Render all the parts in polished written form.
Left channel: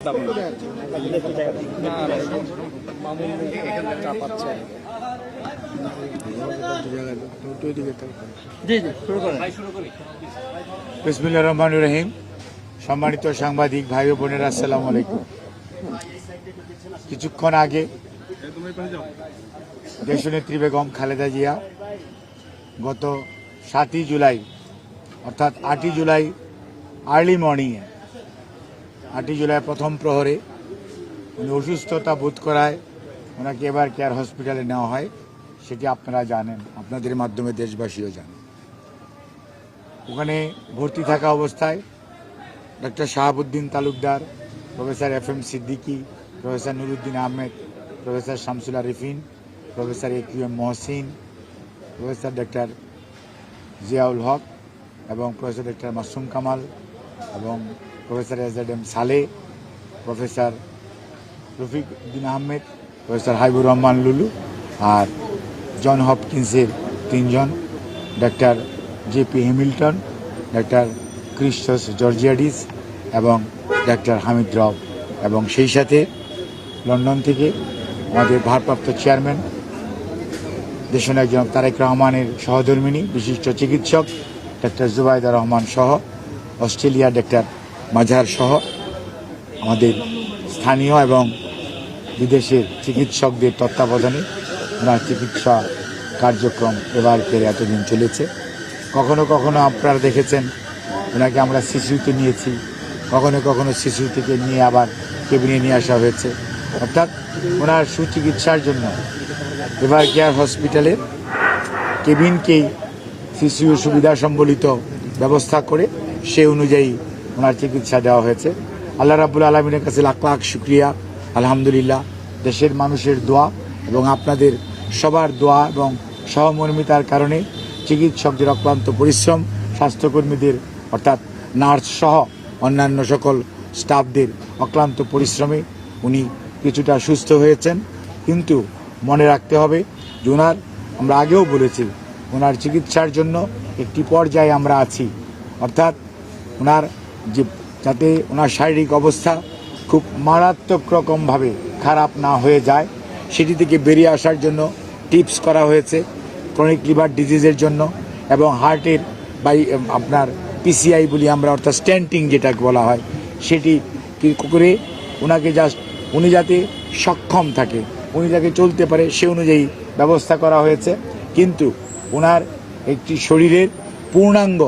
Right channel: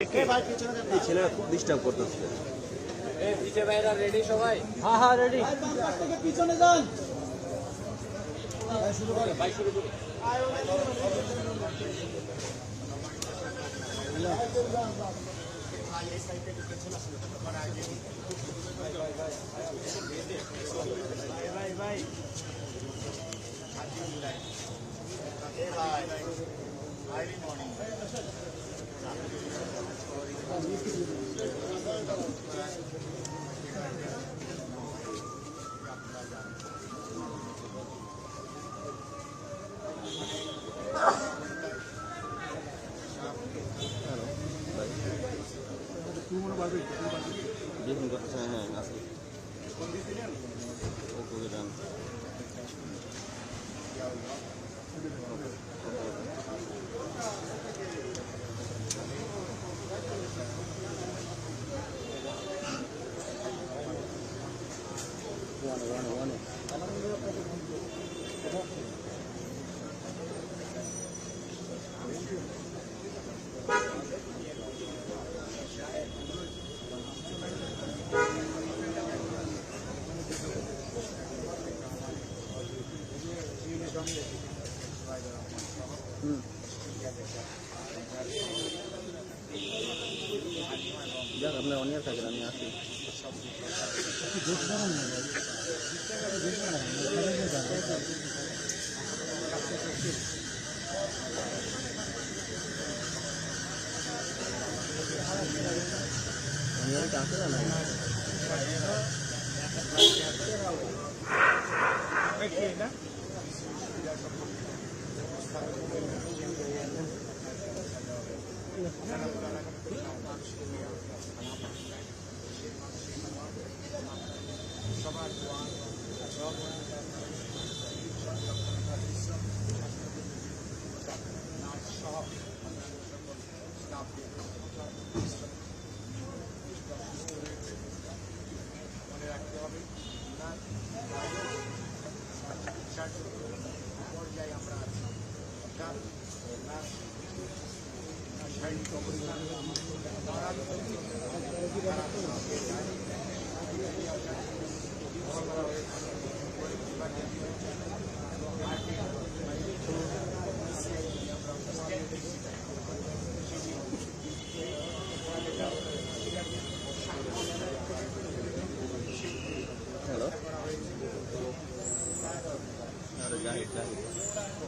বিসমিল্লাহির রহমানির রহিম। সম্মানিত সাংবাদিক ভাই ও বোনেরা, আসসালামু আলাইকুম। কিছুক্ষণ আগে দেশনেত্রী বেগম খালেদা জিয়া গত 7ই জুলাই অর্থাৎ 8ই জুলাই আর্লি মর্নিংয়ে 8ই জুলাই প্রথম প্রহরে অসুস্থতা বোধ করায় ওনাকে এবার কেয়ার হসপিটালে নেওয়া হয়। সেটি আপনারা জানেন, আপনাদের মাধ্যমে দেশবাসীও জানেন। ওখানে ভর্তি থাকা অবস্থায় doctor Shahabuddin Talukdar, professor FM Siddiqui, professor Nuruddin Ahmed, professor Shamsul Arifin, professor AQM Mohsin, professor doctor Ziaul Haque এবং প্রফেসর ডক্টর মাসুম কামাল এবং professor SZM Saleh, professor Rafiq Uddin Ahmed, professor Habibur Rahman Lulu আর জন হপকিন্সের 3 জন, doctor JP Hamilton, doctor Christos Georgiadis এবং ডক্টর হামিদ রাও এবং সেই সাথে লন্ডন থেকে আমাদের ভারপ্রাপ্ত চেয়ারম্যান দেশনায়ক জনাব তারেক রহমানের সহধর্মিনী বিশিষ্ট চিকিৎসক ডক্টর জুবাইদা রহমান সহ, অস্ট্রেলিয়া ডক্টর মাঝার সহ আমাদের স্থানীয় এবং বিদেশের চিকিৎসকদের তত্ত্বাবধানে ওনার চিকিৎসা কার্যক্রম এবার এতদিন চলেছে। কখনো কখনো আপনারা দেখেছেন ওনাকে আমরা শিশুতে নিয়েছি, কখনো কখনো শিশু থেকে নিয়ে আবার কেবিনে নিয়ে আসা হয়েছে। অর্থাৎ ওনার সুচিকিৎসার জন্য এবার কেয়ার হসপিটালের কেবিনকেই শিশু সুবিধা সম্বলিত ব্যবস্থা করে সে অনুযায়ী ওনার চিকিৎসা দেওয়া হয়েছে। আল্লাহ রাব্বুল আলামিনের কাছে লাখ লাখ শুকরিয়া, আলহামদুলিল্লাহ। দেশের মানুষের দোয়া এবং আপনাদের সবার দোয়া এবং সহমর্মিতার কারণে চিকিৎসকদের অক্লান্ত পরিশ্রম, স্বাস্থ্যকর্মীদের অর্থাৎ নার্স সহ অন্যান্য সকল স্টাফদের অক্লান্ত পরিশ্রমে উনি কিছুটা সুস্থ হয়েছেন। কিন্তু মনে রাখতে হবে যে ওনার, আমরা আগেও বলেছি, ওনার চিকিৎসার জন্য একটি পর্যায়ে আমরা আছি। অর্থাৎ ওনার যে যাতে ওনার শারীরিক অবস্থা খুব মারাত্মক রকমভাবে খারাপ না হয়ে যায় সেটি থেকে বেরিয়ে আসার জন্য টিপস করা হয়েছে ক্রনিক লিভার ডিজিজের জন্য এবং হার্টের আপনার PCI বলি আমরা, অর্থাৎ স্ট্যান্টিং যেটাকে বলা হয়, সেটি করে ওনাকে উনি যাতে সক্ষম থাকে, উনি যাতে চলতে পারে সে অনুযায়ী ব্যবস্থা করা হয়েছে। কিন্তু ওনার একটি শরীরের পূর্ণাঙ্গ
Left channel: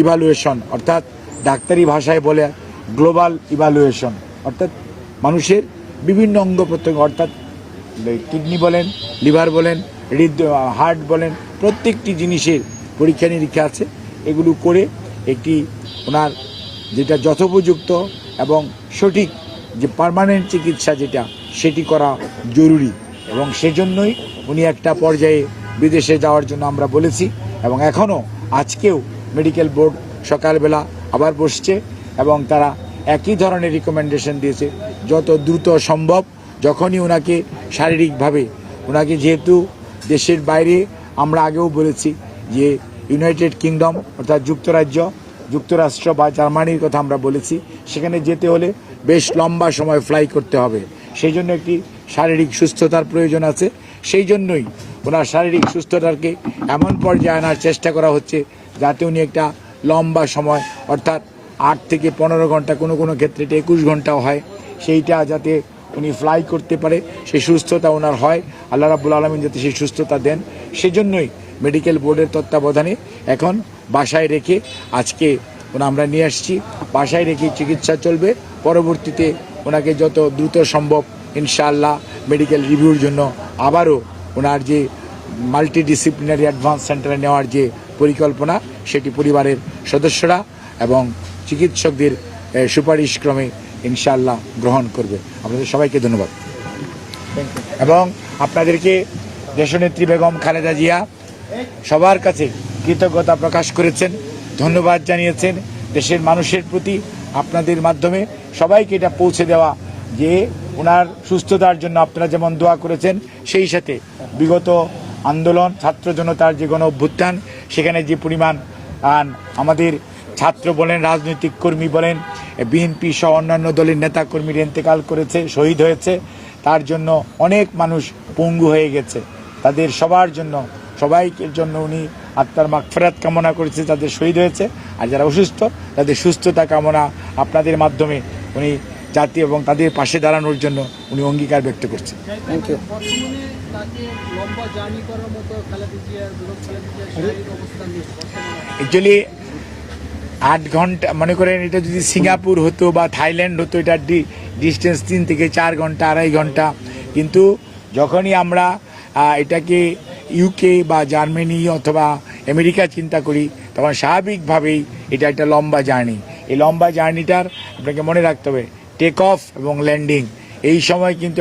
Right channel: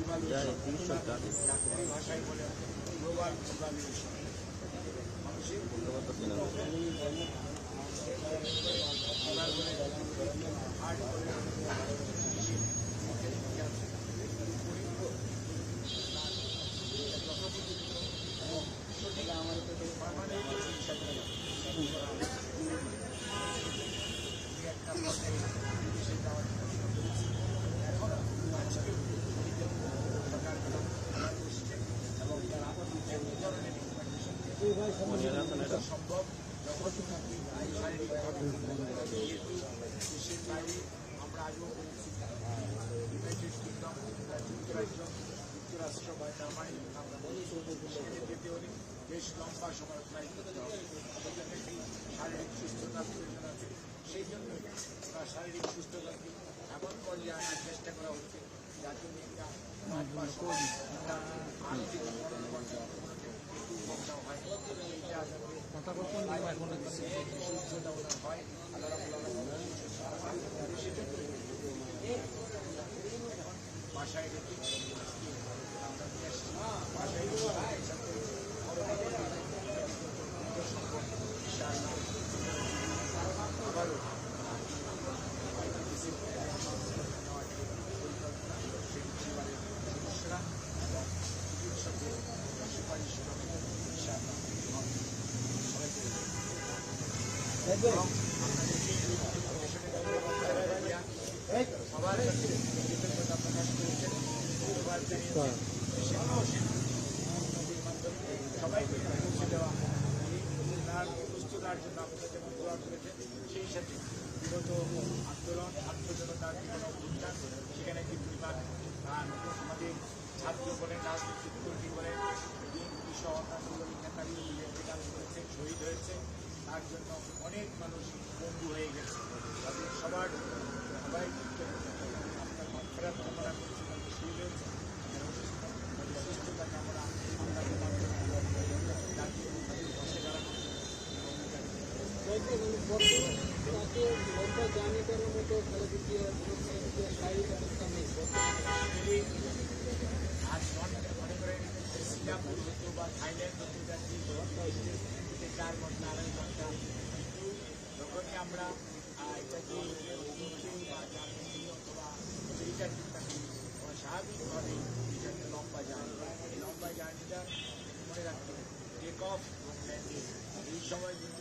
ইভালুয়েশন, অর্থাৎ ডাক্তারি ভাষায় বলে গ্লোবাল ইভালুয়েশন, অর্থাৎ মানুষের বিভিন্ন অঙ্গ প্রত্যঙ্গ, অর্থাৎ কিডনি বলেন, লিভার বলেন, হার্ট বলেন, প্রত্যেকটি জিনিসের পরীক্ষা নিরীক্ষা আছে। এগুলো করে একটি ওনার যেটা যথোপযুক্ত এবং সঠিক যে পার্মানেন্ট চিকিৎসা যেটা সেটি করা জরুরি এবং সেজন্যই উনি একটা পর্যায়ে বিদেশে যাওয়ার জন্য আমরা বলেছি এবং এখনও আজকেও মেডিকেল বোর্ড সকালবেলা আবার বসছে এবং তারা একই ধরনের রিকমেন্ডেশন দিয়েছে যত দ্রুত সম্ভব, যখনই ওনাকে শারীরিকভাবে, ওনাকে যেহেতু দেশের বাইরে, আমরা আগেও বলেছি যে ইউনাইটেড কিংডম অর্থাৎ যুক্তরাষ্ট্র বা জার্মানির কথা আমরা বলেছি, সেখানে যেতে হলে বেশ লম্বা সময় ফ্লাই করতে হবে, সেই জন্য একটি শারীরিক সুস্থতার প্রয়োজন আছে। সেই জন্যই ওনার শারীরিক সুস্থতাকে এমন পর্যায়ে আনার চেষ্টা করা হচ্ছে যাতে উনি একটা লম্বা সময়, অর্থাৎ 8 থেকে 15 ঘন্টা, কোনো কোনো ক্ষেত্রে 21 ঘন্টাও হয়, সেইটা যাতে উনি ফ্লাই করতে পারে, সেই সুস্থতা ওনার হয়। আল্লাহ রাব্বুল আলামিন যাতে সেই সুস্থতা দেন, সেজন্যই মেডিকেল বোর্ডের তত্ত্বাবধানে এখন বাসায় রেখে আজকে আমরা নিয়ে আসছি। বাসায় রেখে চিকিৎসা চলবে। পরবর্তীতে ওনাকে যত দ্রুত সম্ভব ইনশাআল্লাহ মেডিকেল রিভিউর জন্য আবারও ওনার যে মাল্টিডিসিপ্লিনারি অ্যাডভান্স সেন্টারে নেওয়ার যে পরিকল্পনা, সেটি পরিবারের সদস্যরা এবং চিকিৎসকদের সুপারিশক্রমে ইনশাআল্লাহ গ্রহণ করবে। আপনাদের সবাইকে ধন্যবাদ এবং আপনাদেরকে দেশনেত্রী বেগম খালেদা জিয়া সবার কাছে কৃতজ্ঞতা প্রকাশ করেছেন, ধন্যবাদ জানিয়েছেন দেশের মানুষের প্রতি। আপনাদের মাধ্যমে সবাইকে এটা পৌঁছে দেওয়া যে ওনার সুস্থতার জন্য আপনারা যেমন দোয়া করেছেন, সেই সাথে বিগত আন্দোলন, ছাত্র জনতার যে গণ অভ্যুত্থান, সেখানে যে পরিমাণ আমাদের ছাত্র বলেন, রাজনৈতিক কর্মী বলেন, বিএনপি সহ অন্যান্য দলের নেতাকর্মীরা ইন্তেকাল করেছে, শহীদ হয়েছে। তার জন্য অনেক মানুষ পঙ্গু হয়ে গেছে। তাদের সবার জন্য, সবাইকে জন্য উনি আত্মার মাগফিরাত কামনা করেছে, তাদের শহীদ হয়েছে। আর যারা অসুস্থ তাদের সুস্থতা কামনা আপনাদের মাধ্যমে উনি জাতি এবং তাদের পাশে দাঁড়ানোর জন্য উনি অঙ্গীকার ব্যক্ত করছেন। অ্যাকচুয়ালি 8 ঘন্টা, মনে করেন এটা যদি সিঙ্গাপুর হতো বা থাইল্যান্ড হতো, এটার ডিস্টেন্স 3 থেকে 4 ঘন্টা, 2.5 ঘন্টা। কিন্তু যখনই আমরা এটাকে ইউকে বা জার্মানি অথবা আমেরিকা চিন্তা করি, তখন স্বাভাবিকভাবেই এটা একটা লম্বা জার্নি। এই লম্বা জার্নিটার আপনাকে মনে রাখতে হবে টেক অফ এবং ল্যান্ডিং, এই সময় কিন্তু